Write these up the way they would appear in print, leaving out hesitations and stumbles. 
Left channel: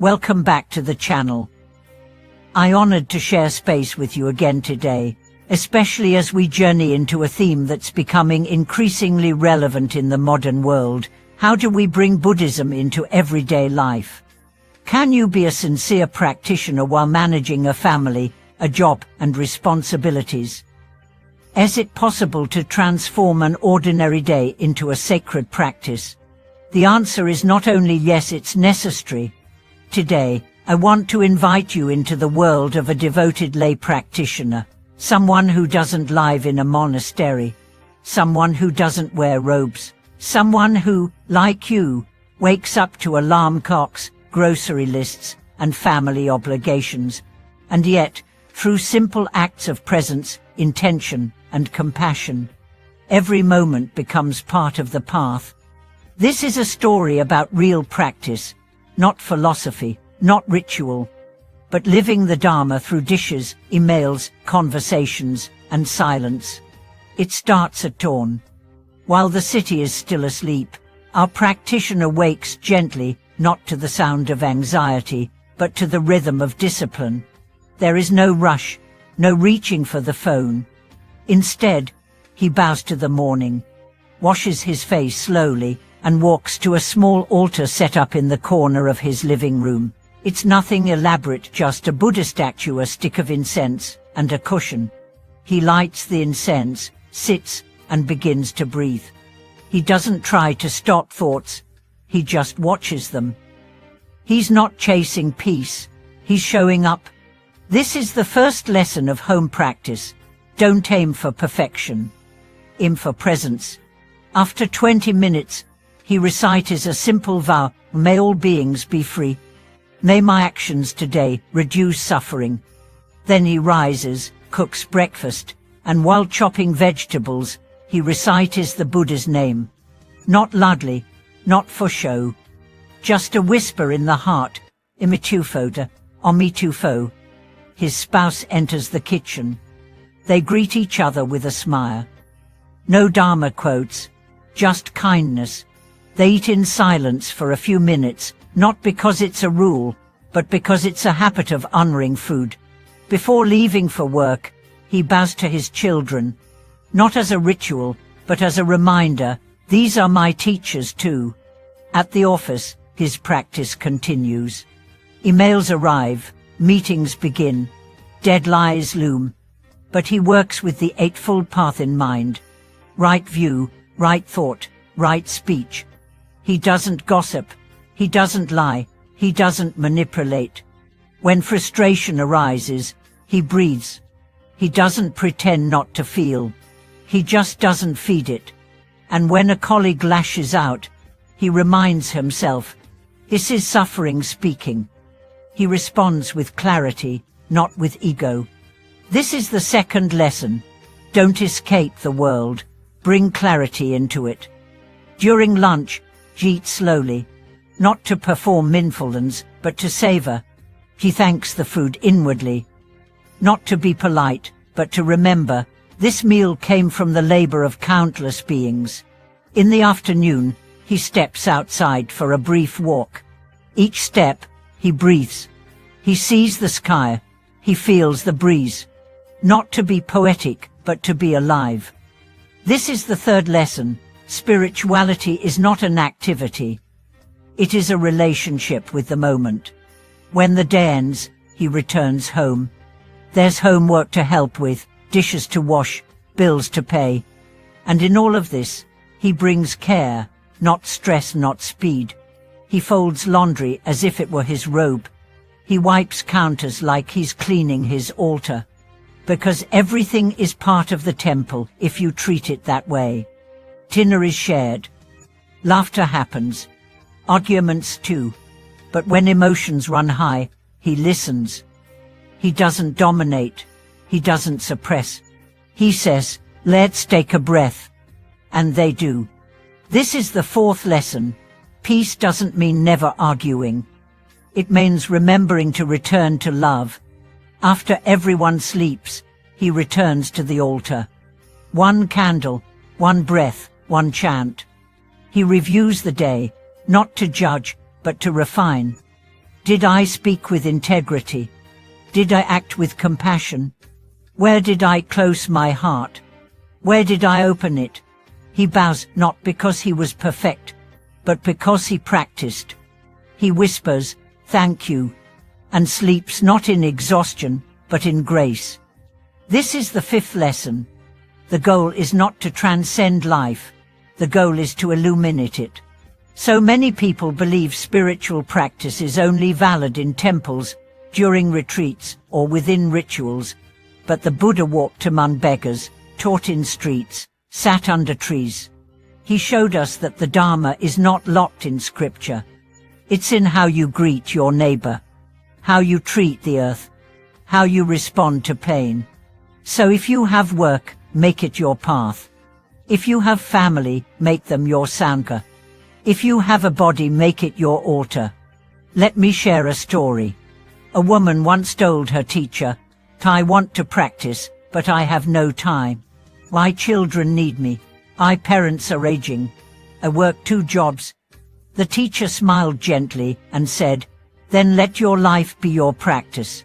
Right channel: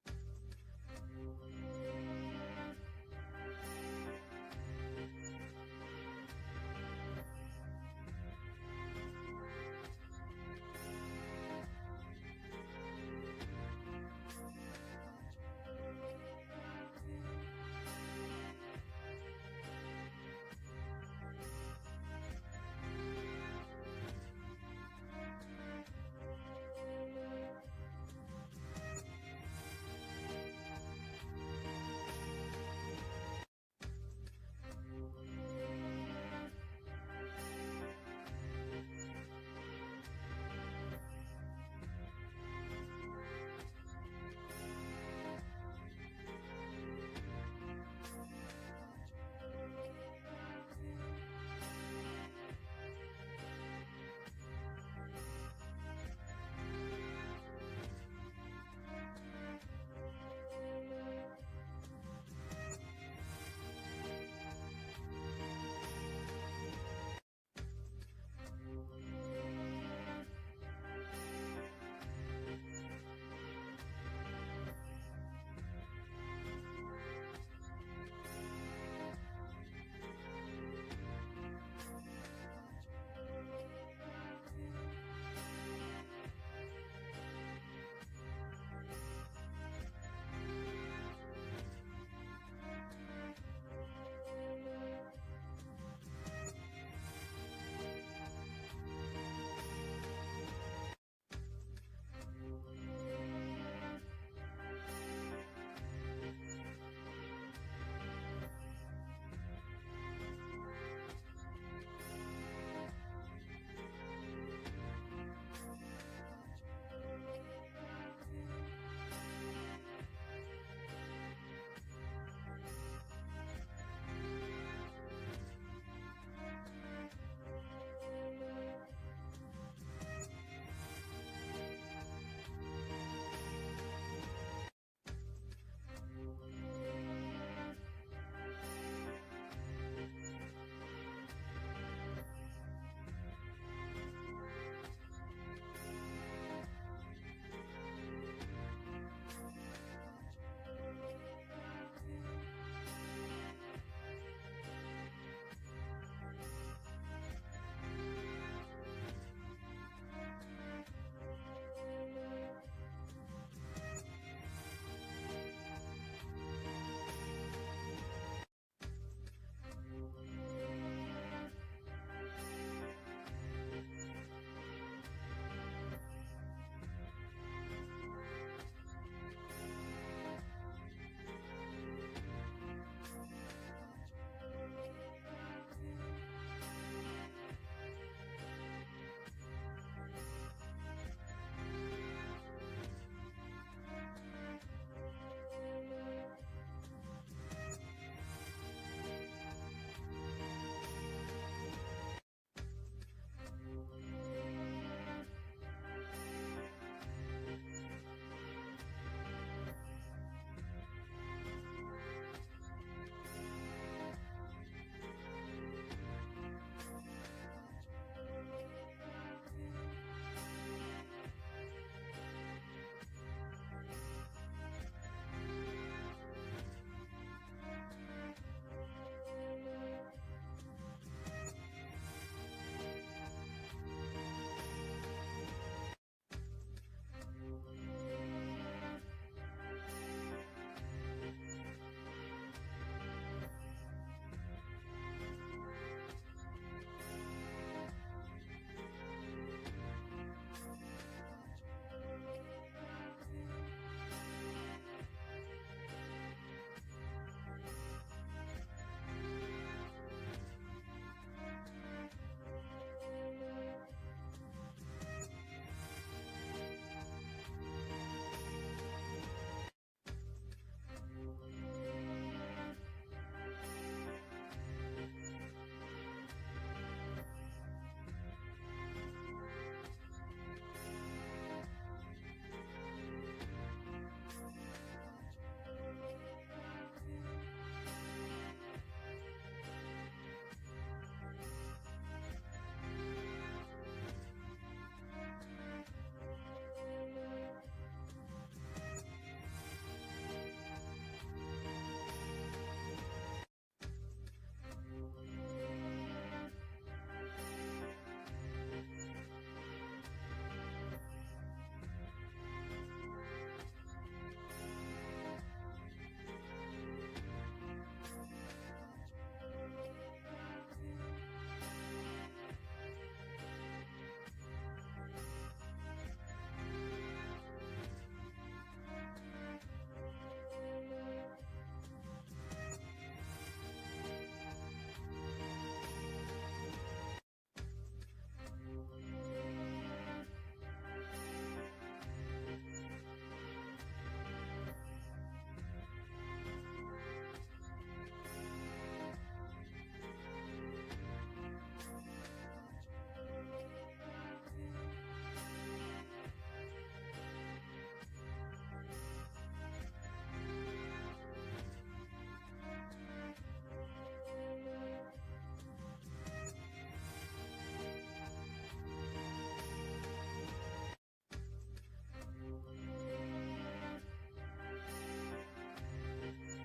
Welcome back to the channel. I'm honored to share space with you again today, especially as we journey into a theme that's becoming increasingly relevant in the modern world. How do we bring Buddhism into everyday life? Can you be a sincere practitioner while managing a family, a job, and responsibilities? Is it possible to transform an ordinary day into a sacred practice? The answer is not only yes, it's necessary. Today, I want to invite you into the world of a devoted lay practitioner, someone who doesn't live in a monastery, someone who doesn't wear robes, someone who, like you, wakes up to alarm clocks, grocery lists, and family obligations, and yet, through simple acts of presence, intention, and compassion, every moment becomes part of the path. This is a story about real practice, not philosophy, not ritual, but living the Dharma through dishes, emails, conversations, and silence. It starts at dawn. While the city is still asleep, our practitioner wakes gently, not to the sound of anxiety, but to the rhythm of discipline. There is no rush, no reaching for the phone. Instead, he bows to the morning, washes his face slowly, and walks to a small altar set up in the corner of his living room. It's nothing elaborate, just a Buddha statue, a stick of incense, and a cushion. He lights the incense, sits, and begins to breathe. He doesn't try to stop thoughts, he just watches them. He's not chasing peace, he's showing up. This is the first lesson of home practice. Don't aim for perfection. Aim for presence. After 20 minutes, he recites a simple vow: may all beings be free. May my actions today reduce suffering. Then he rises, cooks breakfast, and while chopping vegetables, he recites the Buddha's name. Not loudly, not for show. Just a whisper in the heart: Imitufo, Omitufo. His spouse enters the kitchen. They greet each other with a smile. No Dharma quotes, just kindness. They eat in silence for a few minutes, not because it's a rule, but because it's a habit of honoring food. Before leaving for work, he bows to his children, not as a ritual, but as a reminder: these are my teachers too. At the office, his practice continues. Emails arrive, meetings begin, deadlines loom, but he works with the Eightfold Path in mind. Right view, right thought, right speech. He doesn't gossip, he doesn't lie, he doesn't manipulate. When frustration arises, he breathes. He doesn't pretend not to feel, he just doesn't feed it. And when a colleague lashes out, he reminds himself, this is suffering speaking. He responds with clarity, not with ego. This is the second lesson. Don't escape the world, bring clarity into it. During lunch, he eats slowly, not to perform mindfulness, but to savor. He thanks the food inwardly, not to be polite, but to remember, this meal came from the labor of countless beings. In the afternoon, he steps outside for a brief walk. Each step, he breathes. He sees the sky, he feels the breeze. Not to be poetic, but to be alive. This is the third lesson. Spirituality is not an activity. It is a relationship with the moment. When the day ends, he returns home. There's homework to help with, dishes to wash, bills to pay. And in all of this, he brings care, not stress, not speed. He folds laundry as if it were his robe. He wipes counters like he's cleaning his altar. Because everything is part of the temple if you treat it that way. Dinner is shared. Laughter happens. Arguments too. But when emotions run high, he listens. He doesn't dominate. He doesn't suppress. He says, let's take a breath. And they do. This is the fourth lesson. Peace doesn't mean never arguing. It means remembering to return to love. After everyone sleeps, he returns to the altar. One candle, one breath, one chant. He reviews the day, not to judge, but to refine. Did I speak with integrity? Did I act with compassion? Where did I close my heart? Where did I open it? He bows not because he was perfect, but because he practiced. He whispers, "Thank you," and sleeps not in exhaustion, but in grace. This is the fifth lesson. The goal is not to transcend life. The goal is to illuminate it. So many people believe spiritual practice is only valid in temples, during retreats, or within rituals. But the Buddha walked among beggars, taught in streets, sat under trees. He showed us that the Dharma is not locked in scripture. It's in how you greet your neighbor, how you treat the earth, how you respond to pain. So if you have work, make it your path. If you have family, make them your sangha. If you have a body, make it your altar. Let me share a story. A woman once told her teacher, "I want to practice, but I have no time. My children need me. My parents are aging. I work 2 jobs." The teacher smiled gently and said, "Then let your life be your practice."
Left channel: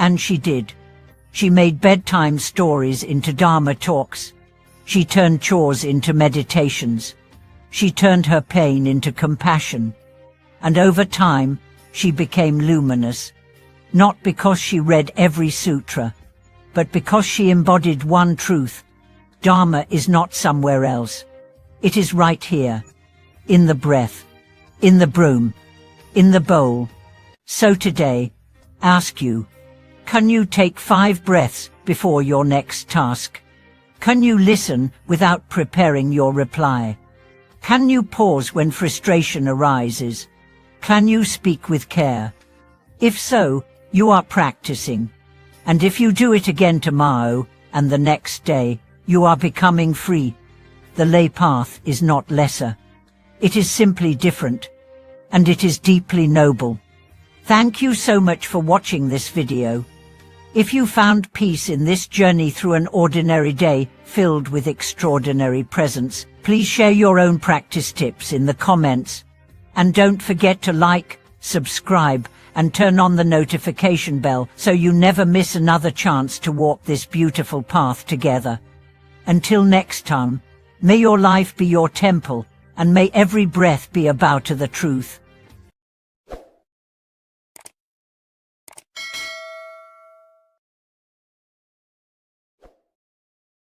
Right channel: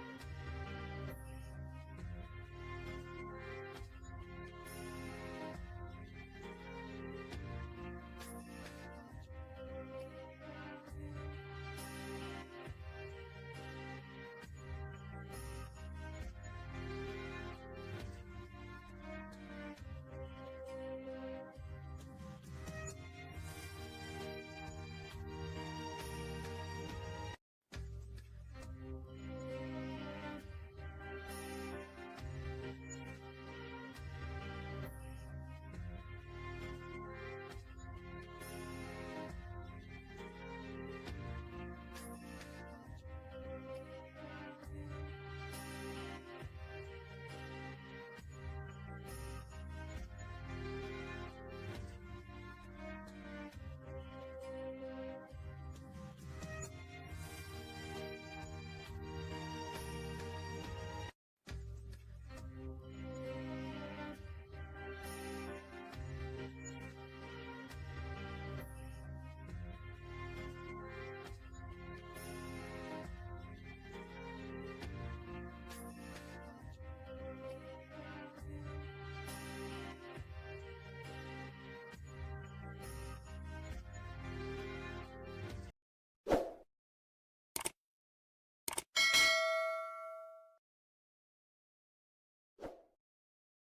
And she did. She made bedtime stories into Dharma talks. She turned chores into meditations. She turned her pain into compassion. And over time, she became luminous. Not because she read every sutra, but because she embodied one truth. Dharma is not somewhere else. It is right here, in the breath, in the broom, in the bowl. So today, ask you, can you take 5 breaths before your next task? Can you listen without preparing your reply? Can you pause when frustration arises? Can you speak with care? If so, you are practicing. And if you do it again tomorrow and the next day, you are becoming free. The lay path is not lesser. It is simply different. And it is deeply noble. Thank you so much for watching this video. If you found peace in this journey through an ordinary day filled with extraordinary presence, please share your own practice tips in the comments. And don't forget to like, subscribe, and turn on the notification bell so you never miss another chance to walk this beautiful path together. Until next time, may your life be your temple, and may every breath be a bow to the truth.